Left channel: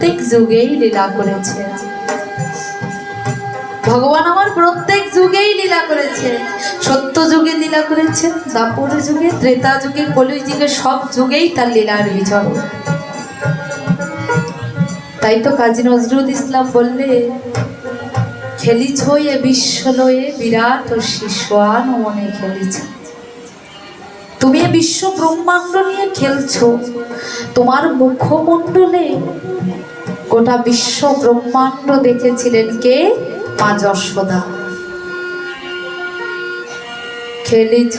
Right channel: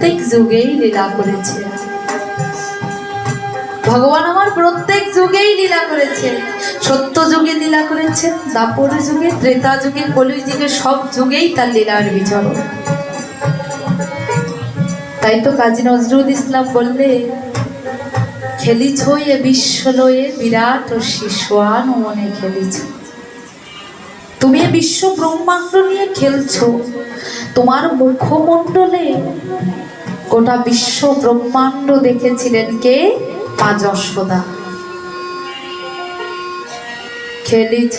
প্রত্যেক যুগেই লীলা করেছে। ভগবান আমার প্রত্যেক যুগেই লীলা করেছে। সত্য যুগে লীলা করেছে, দাপর যুগে, ত্রেতা যুগে কলি যুগে, সব যুগেই তার লীলার বিজয়। তাই তো কাজী নজরুল ইসলাম বললে খেলিছ এ বিশ্ব লয়ে বিরাট ও শিশান মনে খেলিছ। তুমি এ বিশ্ব ব্রহ্মাণ্ড নিয়ে খেলছো, তোমার মুখমণ্ডলে গোটা বিশ্ব ব্রহ্মাণ্ড দেখেছিলেন কে? পাঁচশোদা। খেলিছ।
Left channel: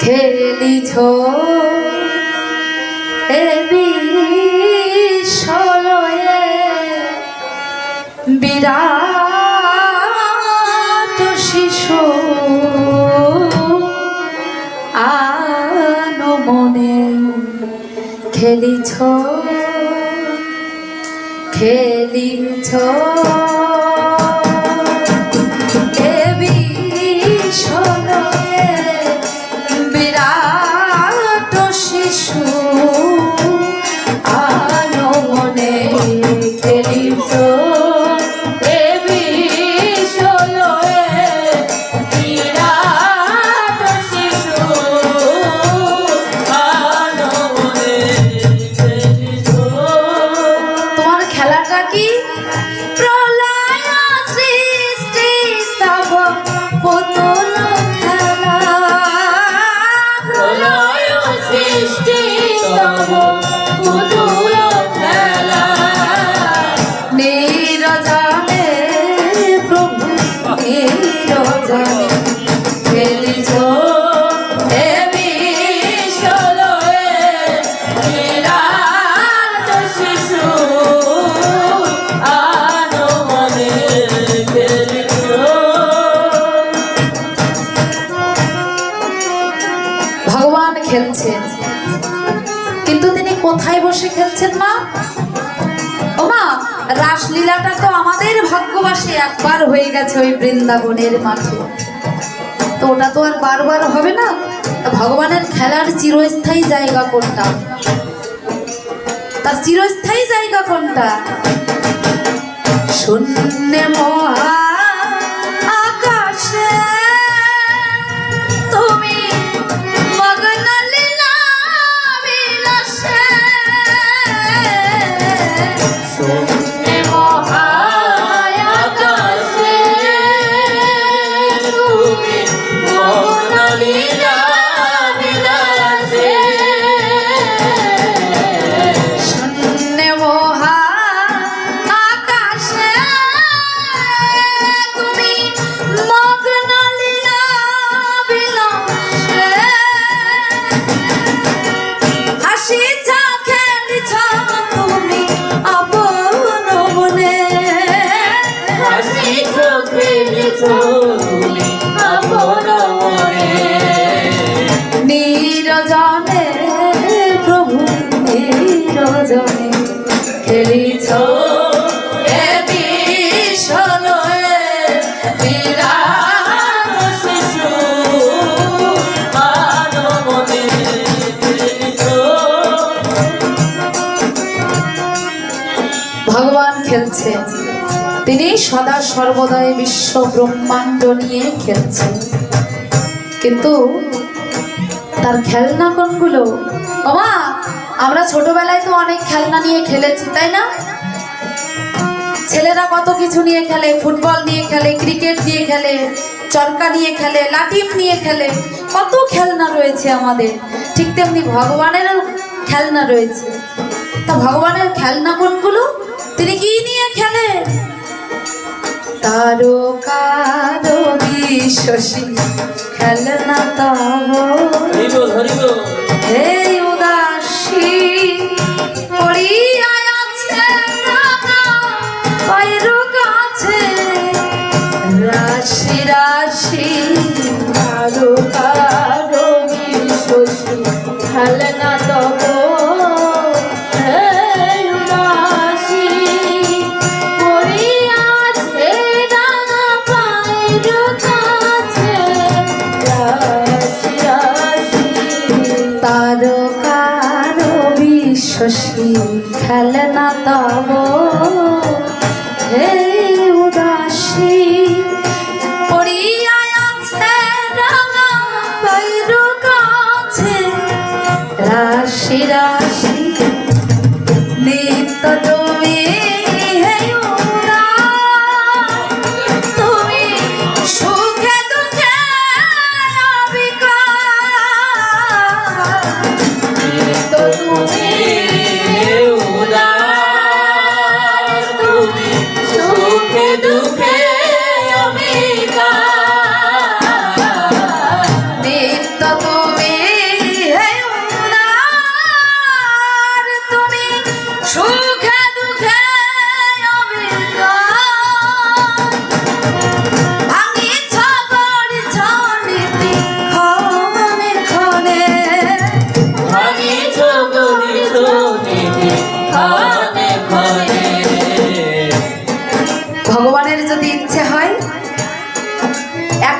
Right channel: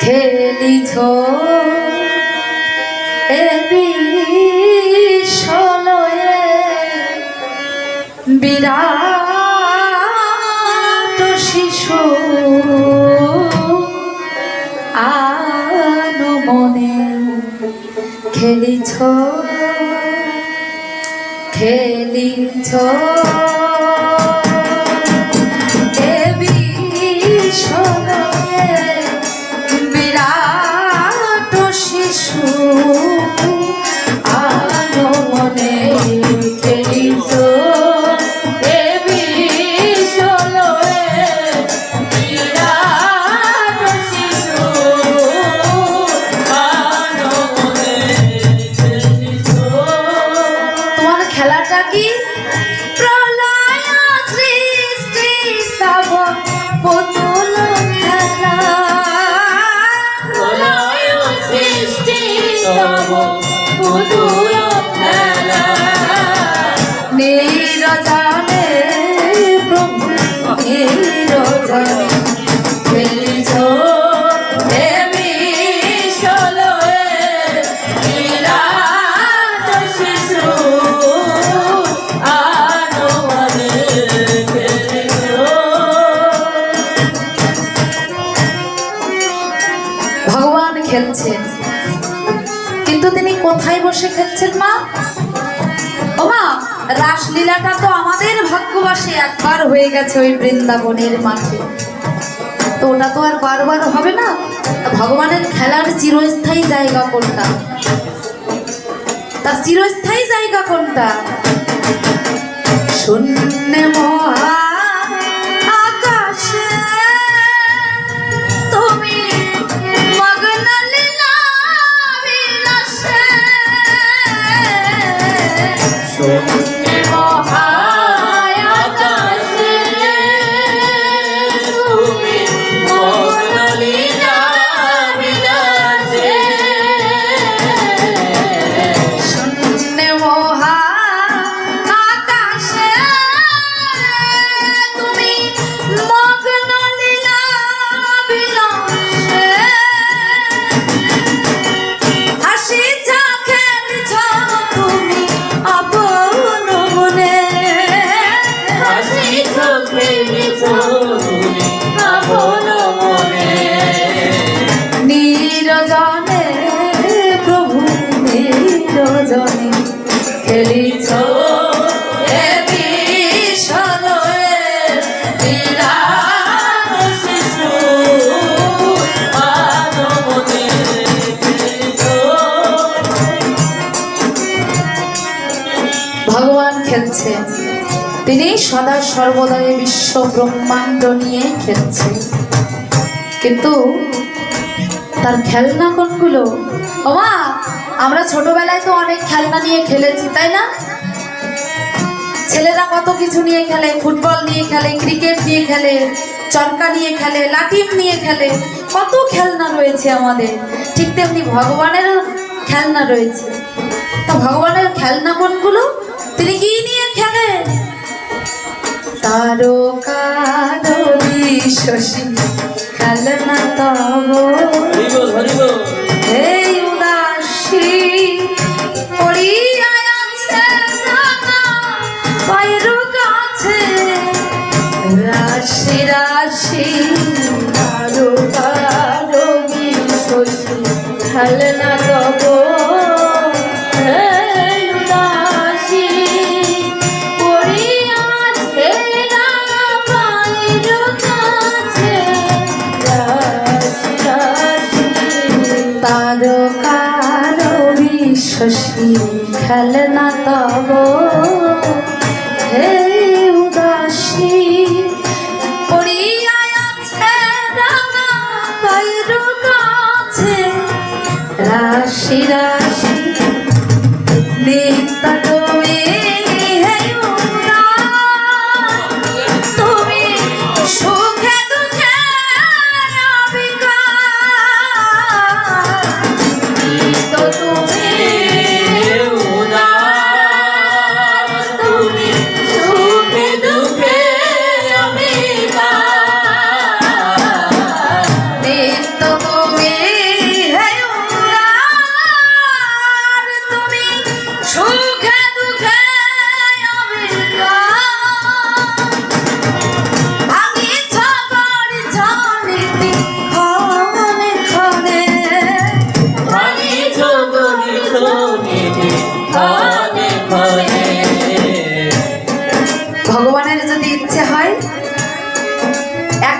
খেলিছ। খেলিছ খেলিছ খেলছেন। কিন্তু তিনি কোথায় বসে খেলছেন, মা? ও মা, রাসলীলাটা তো আমাদের ভাগ্যবাসী একবার হয়ে গেছে ওই বৃন্দাবনের মাঠে। তো ওটা তো আর বারবার হবে না? ভগবানের খেলার চিরস্থায়ী জায়গা কোনটা? তার চিরস্থায়ী জায়গা কোনটা? শূন্য খেলছেন তিনি সদা সর্বদাই বিশ্ব ব্রহ্মাণ্ড নিয়ে খেলছেন কিন্তু তার খেলনা কোনগুলো? ওমা, আমরা ছোটবেলায় তো অনেক খেলনা নিয়ে খেলেছি, তাই না? ছেলেরা কত কিছু নিয়ে খেলে, ফুটবল নিয়ে খেলে, ক্রিকেট নিয়ে খেলে, চরকা নিয়ে খেলে লাঠিম নিয়ে খেলে, কত খেলনা রয়েছে আমাদের। ঠিক তেমনি ভগবানের খেলনা রয়েছে। তা ভগবানের খেলনা কোনগুলো? তিনি কি তারকার বিশ্বসী খেলনা কারও কারও বিশ্ব খেলনা।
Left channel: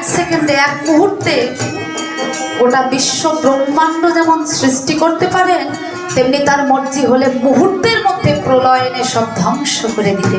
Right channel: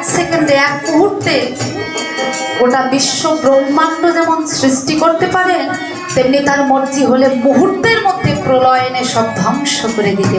এক সেকেন্ডে, এক মুহূর্তে গোটা বিশ্ব ব্রহ্মাণ্ড যেমন সৃষ্টি করতে পারেন, তেমনি তার মর্জি হলে মুহূর্তের মধ্যে প্রলয়নে সব ধ্বংস করে দিতে